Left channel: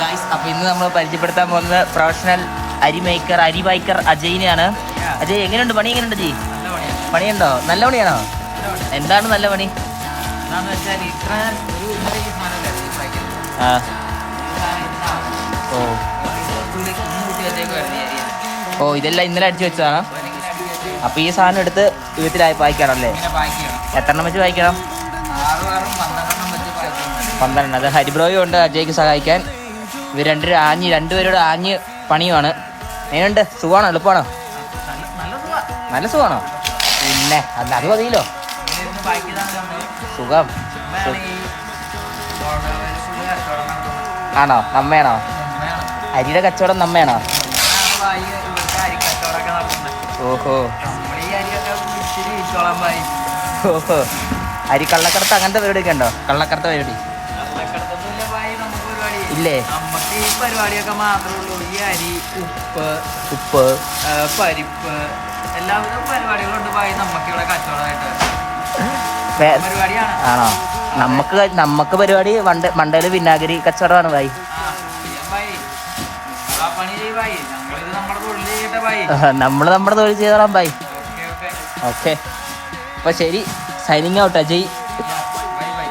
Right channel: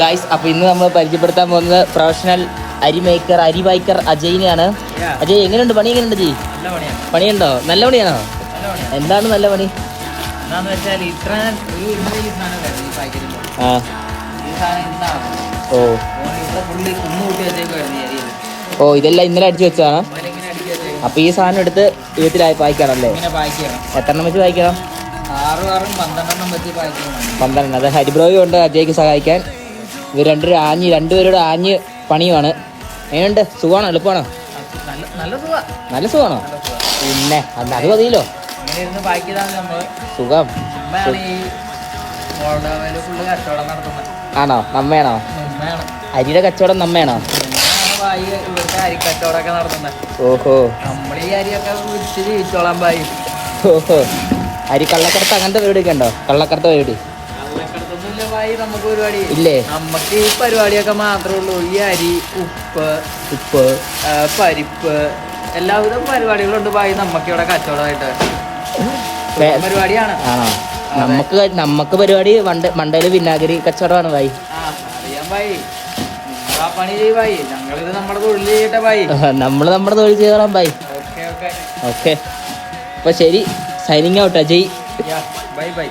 Guys, അപ്പൊ ഇന്ന് നമ്മൾ പരിചയപ്പെടുത്താൻ പോകുന്നത് പ്രൊഫഷണൽ അരി ബൈക്കർ അജയിനെയാണ്. അജയ്, എങ്ങനെയുണ്ട് പണി? എങ്ങനെയുണ്ട് ജി? പണിയുണ്ടോ? നല്ല പണിയാണോ? എന്താണ് നല്ല പണി? ഓ ഇതെല്ലാം ഇന്നലെ അടിച്ചു വെച്ചതാണ്. അപ്പൊ ഈ സാധനം എടുത്ത് വീട്ടിലായി പായ്ക്കാണല്ലേ? എത്രണ്ണം വെച്ച് പായ്ക്കണം? 12. അത് ഹരിബ്രോയും ഉണ്ട് അജയ്ക്ക് സഹായിക്കാൻ. ഇവർ രണ്ടുപേരോട് ആഞ്ഞ് പണിയുമാണ്. എങ്ങനെയുണ്ട്? സുഖമാണോ? എളുപ്പമാണോ? നല്ല സുഖമാണോ? പിന്നെ അത് മതിയല്ലോ. സുഖം ആണോ? നമ്മയാണോ? അരിയുടെ കച്ചവടം നമ്മയാണോ? ഓഹോ ഓഹോ. അരി കള്ളക്കടത്ത് അങ്ങനത്തെ പരിപാടിയൊക്കെ ഉണ്ടോ? കള്ളക്കടത്ത് പരിപാടി ഇല്ലേ? നമുക്ക് ഈ പരിപാടിയൊക്കെ മാത്രമേ ഉള്ളൂ. ഈ അരി, ഉപ്പ്, പരിപ്പ്, എല്ലാവിധ പരിപാടികളുണ്ട് ഭായി. നമുക്ക് ഇവിടെ കച്ചവടമായിട്ട് പരിപാടിയാണ്. ആണോ? നമുക്ക് പരിപാടി മണ്ടയില് വിനാഗിരി കച്ചവടമാണ് ഭായി. ഞങ്ങളിത് നമ്മുടെ തൊഴിൽ ചെയ്യട്ടെ ഭായി. നമ്മള് നമ്മുടെ തൊഴിൽ ചെയ്തോളാം ഭായി. ഓക്കെ, അപ്പൊ ശരി. Signing out Ajay. Bye bye.